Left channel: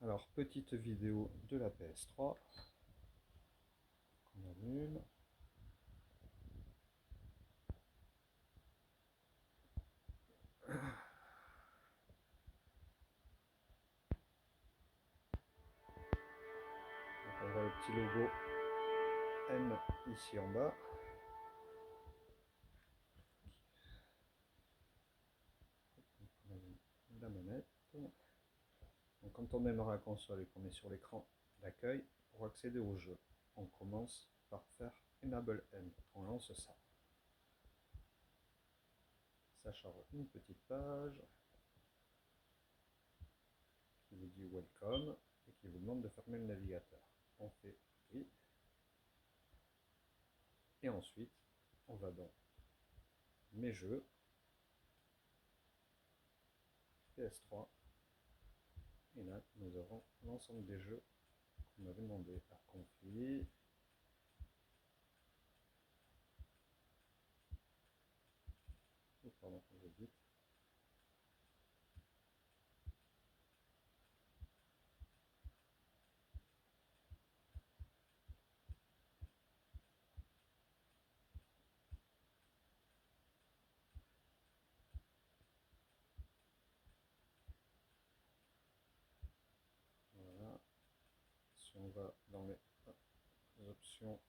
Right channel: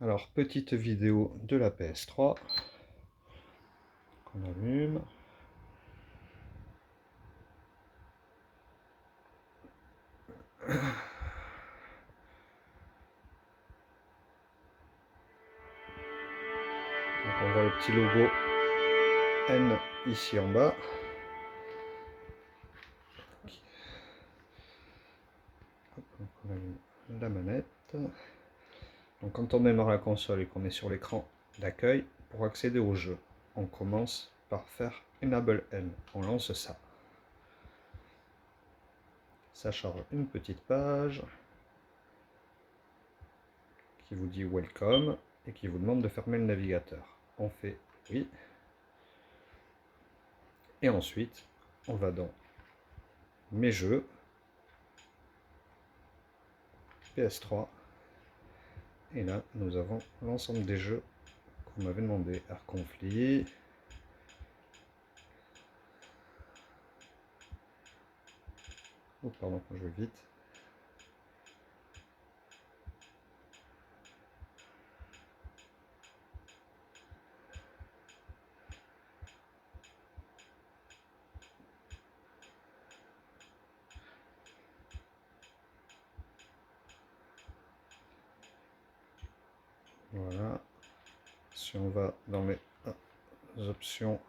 Alors, petite vidéo de la PS3 qu'on allume. Donc on voit le petit logo N ici en bas. Donc on allume la manette. Donc quand on démarre la console et qu'on est sur l'écran d'accueil, pour accéder au jeu, on commence par faire Enable N. On lance ça. Ça charge une petite page qui vous dit Welcome et qui vous demande de fermer le navigateur. On fait oui. Et ensuite, on va dans Mes jeux, PS3. Et là, nous avons l'ensemble des jeux qu'on m'avait demandé. Air Conflit. Oh, pardon, je vais vite. Voilà. Si on va dans les options,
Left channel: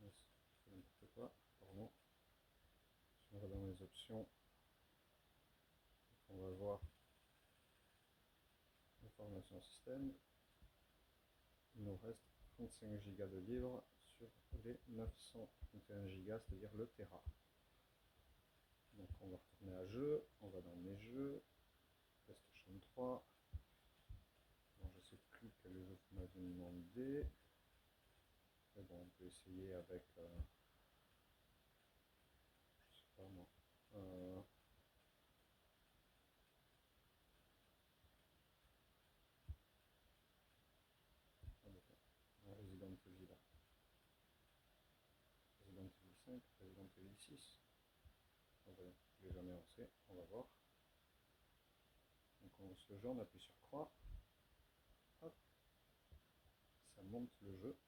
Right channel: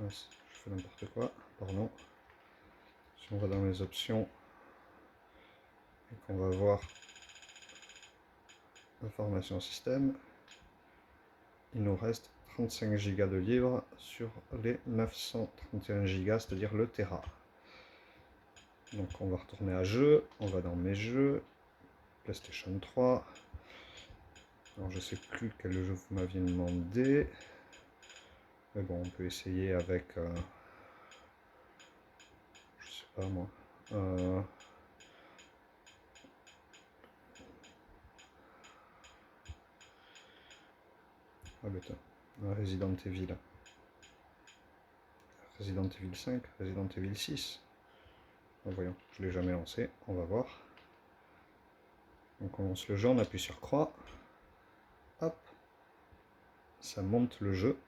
je fais n'importe quoi, pardon. Si on va dans les options et qu'on va voir information système, il nous reste 35 Go de livres sur les 931 Go, c'est-à-dire le Tera. Donc on va retourner à jeu, on va dans mes jeux, PlayStation 3. Alors je sais plus quel jeu vous m'aviez demandé. Mais bon, on peut essayer avec, je sais pas moi, ah bête, Resident Evil. Resident Evil 5, Resident Evil 6. Voyons, je ne l'ai jamais lancé, on va voir. Donc on lance le jeu, on appuie sur croix. Hop, ça monte le jeu.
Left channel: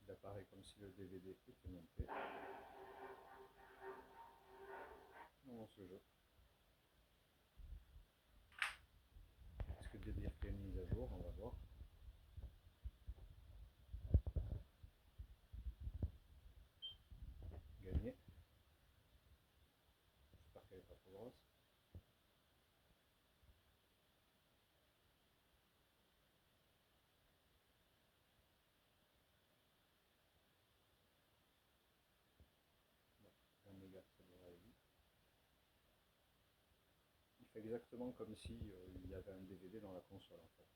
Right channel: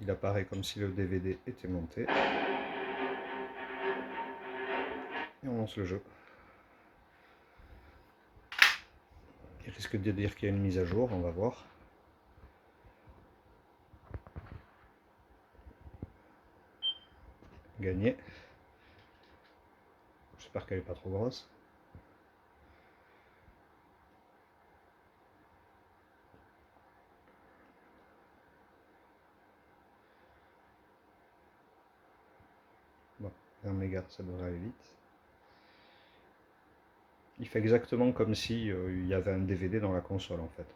Il apparaît comme si le DVD était monté. Et on lance le jeu. Il risque de dire qu'il y a une mise à jour, on va voir. Gagné. J'espère qu'elle n'est pas trop grosse. Bon, 1 méga, ça devrait aller vite. Il fait exactement comme si il y avait un DVD dans la console en fait.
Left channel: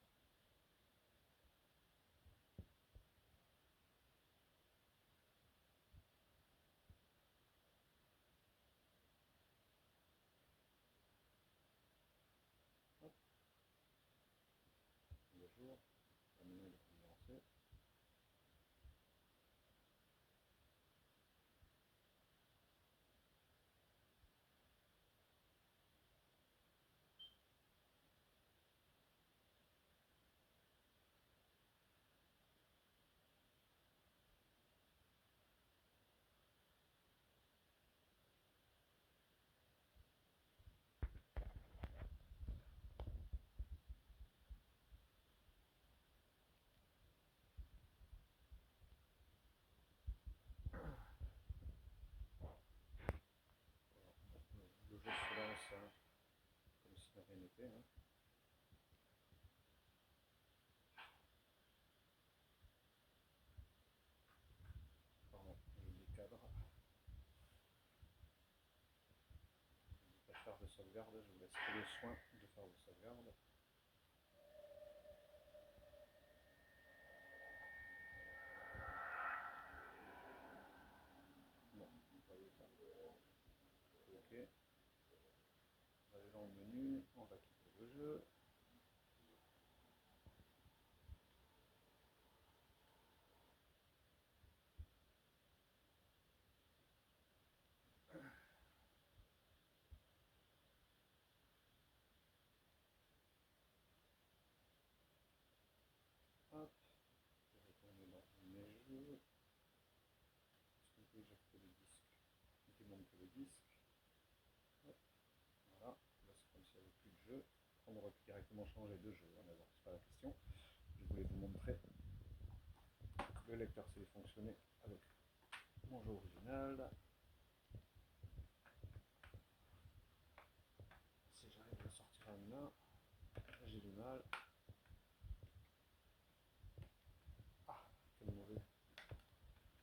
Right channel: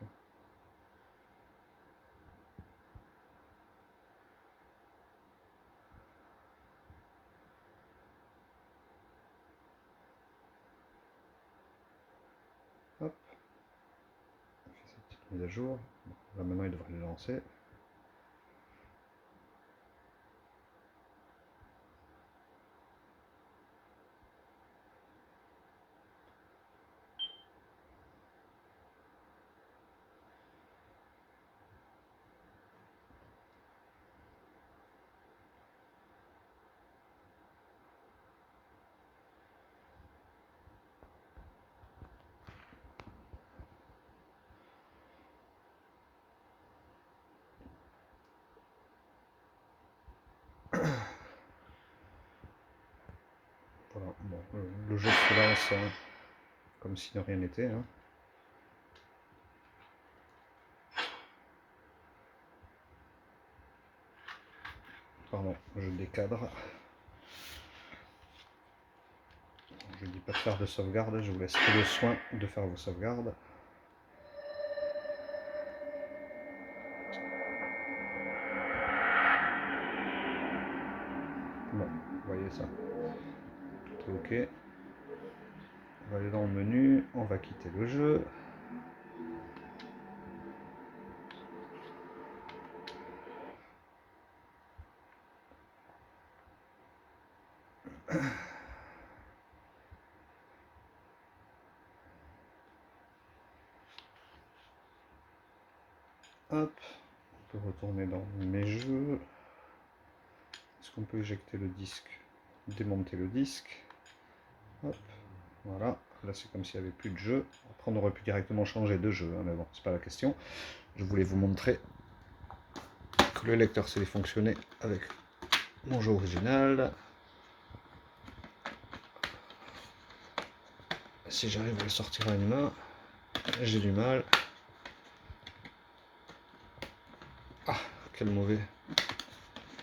Hop, on fait cette petite mise à jour. Bon, là maintenant il devrait le lancer. Voilà, bon, le jeu se lance hein, comme si de rien n'était. Hein. Pardon, je décadre. Je ne dis pas de faire de sauvegarde, je vous laisse le soin de faire vos sauvegardes. Bon, vous voyez ça. Tout ok. On va aller dans le menu, on va quitter le jeu. Hop, on peut retourner dans mes jeux. Est-ce qu'on peut éjecter le disque? Démonter le disque. Hop, voilà. Là, c'est comme s'il n'y avait plus de jeu. Après, on aurait pu directement changer de jeu, hein, mais bon, c'est pas la question. Je voulais vous montrer que le lecteur sait fonctionner avec mon jeu original. Si j'arrive à le sortir à une main, j'ai du mal. Ah, quel mauvais.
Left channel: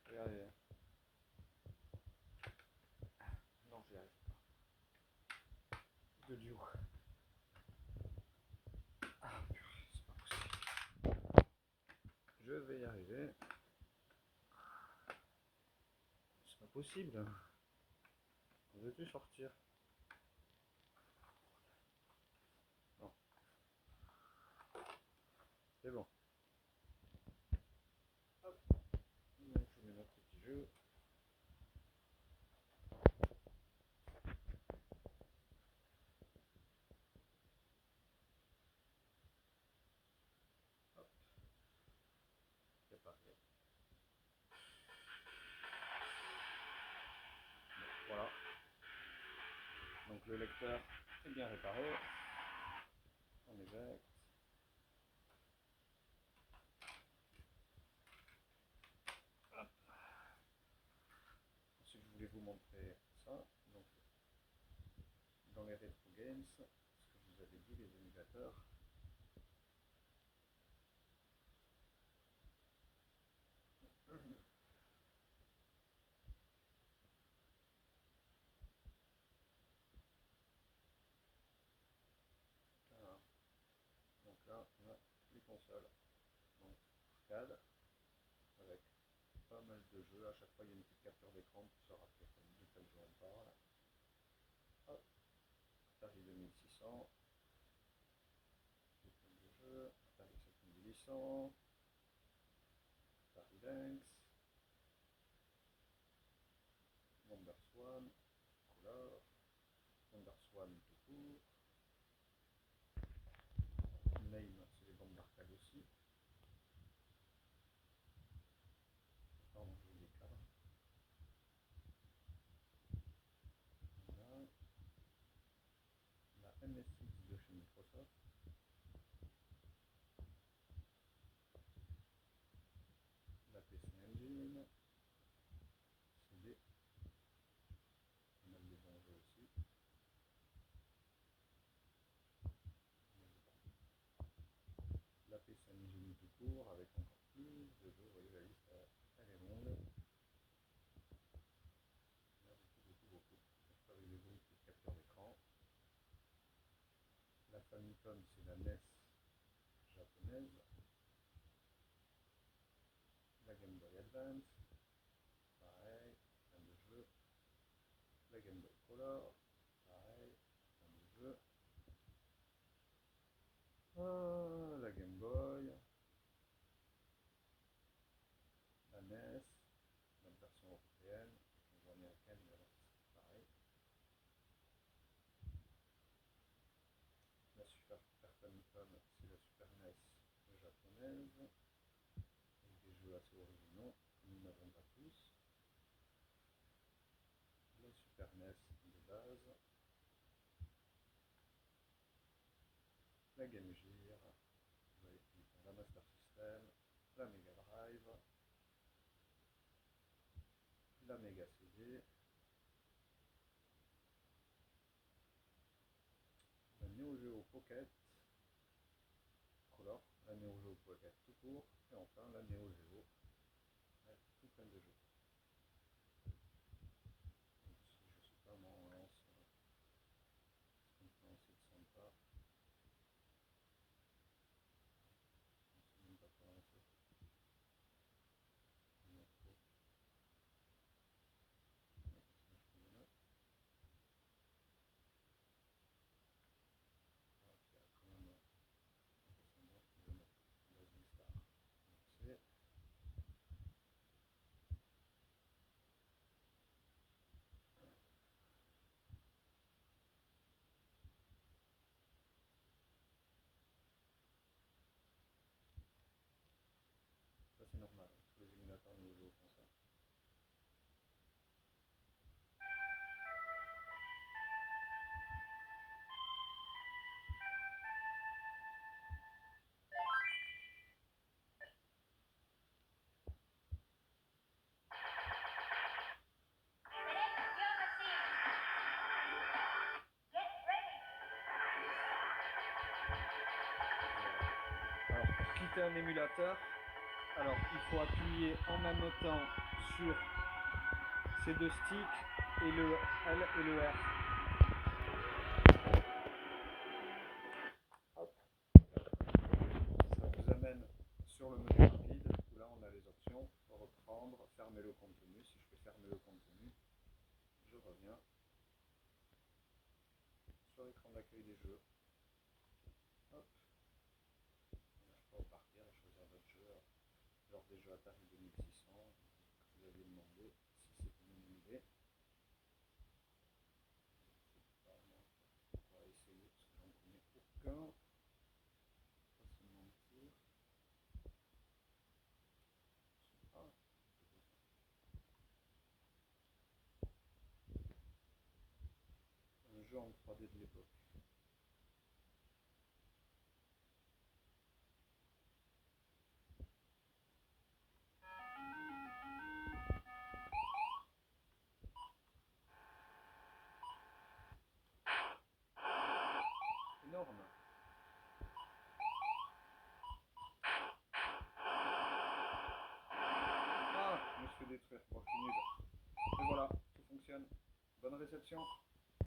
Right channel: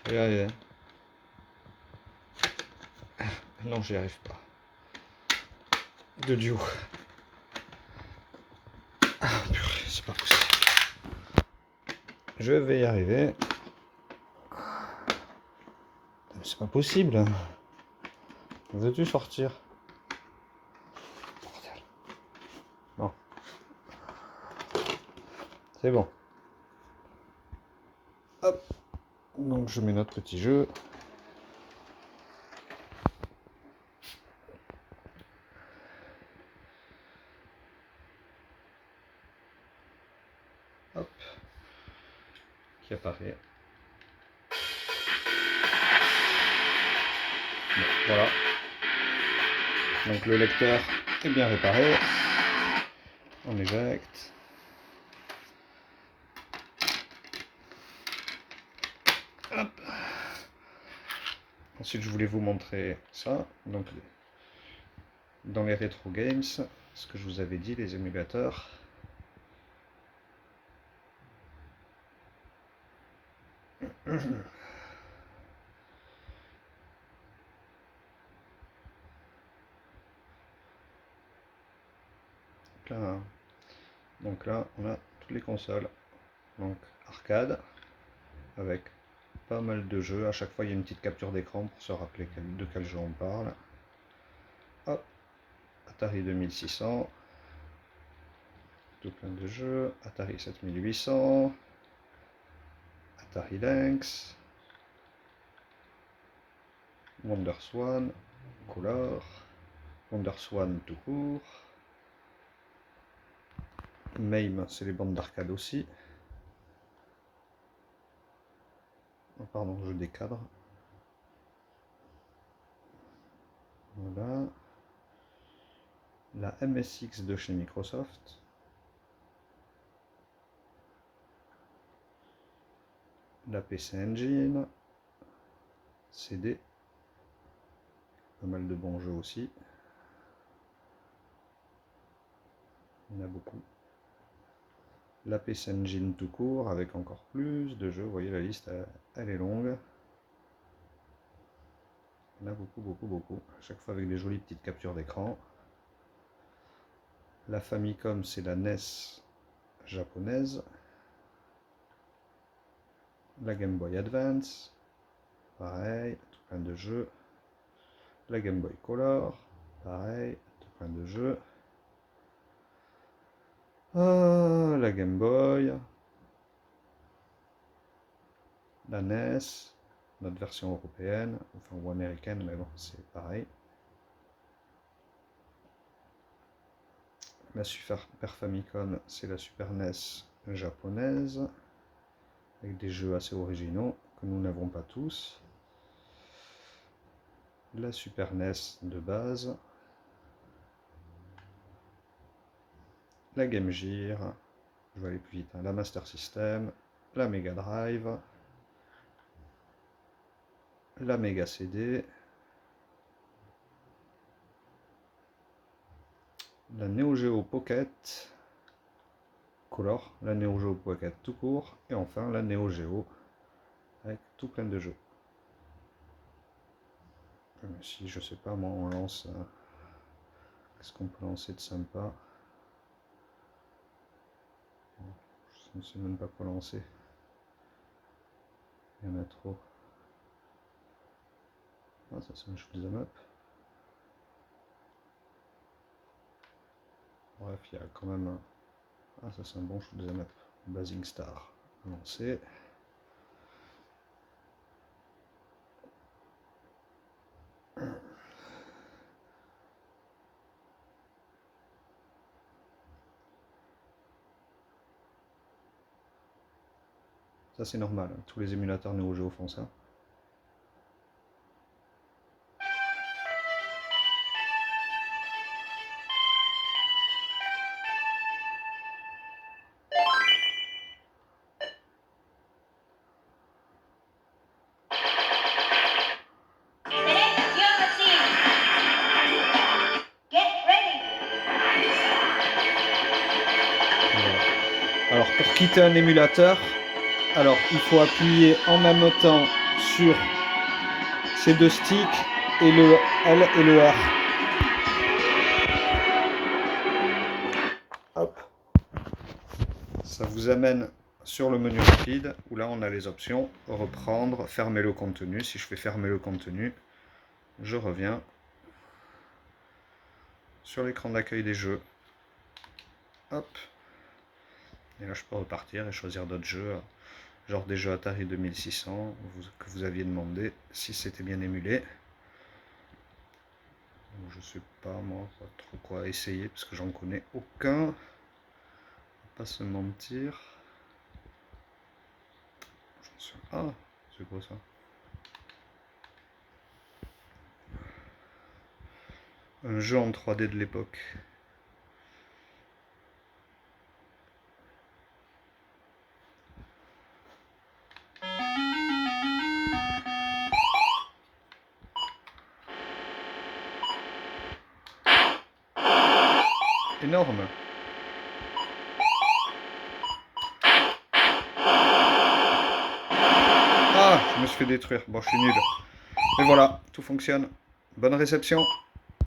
Regardez. Non, j'y arrive pas. De duo. Ah, purée, c'est pas possible. Je vais y arriver. C'est pas possible. Veux-tu sortir? Bordel. Non. C'est bon. Hop. Donc je mets notre petit jeu. Hop. Qui apparaît. Bon, voilà. Donc le lecteur est bien réparé. On éjecte. Hop. Ensuite, je voulais vous montrer ça. Donc, dans les rétro games, ce que je vous avais dit, les émulateurs. Là, donc là, on a toutes les consoles. Donc arcade, avec pas mal de jeux. À chaque fois, il y a une petite capture d'écran pour se rappeler de quel jeu on parle. Hop, Atari 2600. Tout plein de jeux. Atari 7800. Atari Lynx. WonderSwan. Color. WonderSwan tout court. MAME, c'est les bandes d'arcade aussi. Oh, pardon, je décadre. Voilà. La MSX de chez Microsoft. La PC Engine. CD. Pas mal de bons jeux aussi. Il y en a beaucoup. La PC Engine tout court avec encore plus de jeux. Vous voyez, la liste, elle est longue. Il y en a beaucoup, beaucoup, beaucoup. À chaque fois avec des jolies petites captures d'écran. La Famicom, c'est la NES japonaise. La Game Boy Advance. Pareil, tout plein de jeux. La Game Boy Color. Pareil, tout plein de jeux. La Game Boy. La NES. Notre version européenne, enfin ou américaine, mais bon, c'est pareil. La Super Famicom, c'est la Super NES japonaise, avec des jeux assez originaux que nous n'avons pas tous. La Super NES de base. La Game Gear, je vais aller plus vite, hein. La Master System, la Mega Drive, la Mega CD, la Neo Geo Pocket Color, la Neo Geo Pocket tout court, et enfin la Neo Geo avec tout plein de jeux. Si je sais pas, moi on lance. Qu'est-ce qu'on peut lancer de sympa? Je ne sais même pas quoi lancer. Il y en a trop. Ah, ça c'est un shoot'em up. Bref, il y a quand même un... Ah, ça c'est un bon shoot'em up. Blazing Star. Lancer. Ça c'est normal, hein. Tous les émulateurs Neo Geo font ça. Alors pour quitter un émulateur, alors il faut appuyer en même temps sur ces deux sticks et le L et le R. Hop. Ça vous amène sur le menu rapide où là on a les options reprendre, fermer le contenu. Si je fais fermer le contenu, je reviens sur l'écran d'accueil des jeux. Hop. Et là je peux repartir et choisir d'autres jeux, genre des jeux Atari 2600 que vous aviez demandé, si c'était bien émulé. Je sais pas moi, pas trop quoi essayer parce que j'en connais aucun. On va pas se mentir. Ah, c'est quoi ça? Un jeu en 3D de l'époque. Énorme. Ah, je me suis fait détruire. Bon, je suis nul. Mais voilà, tout fonctionne. Bonne réception.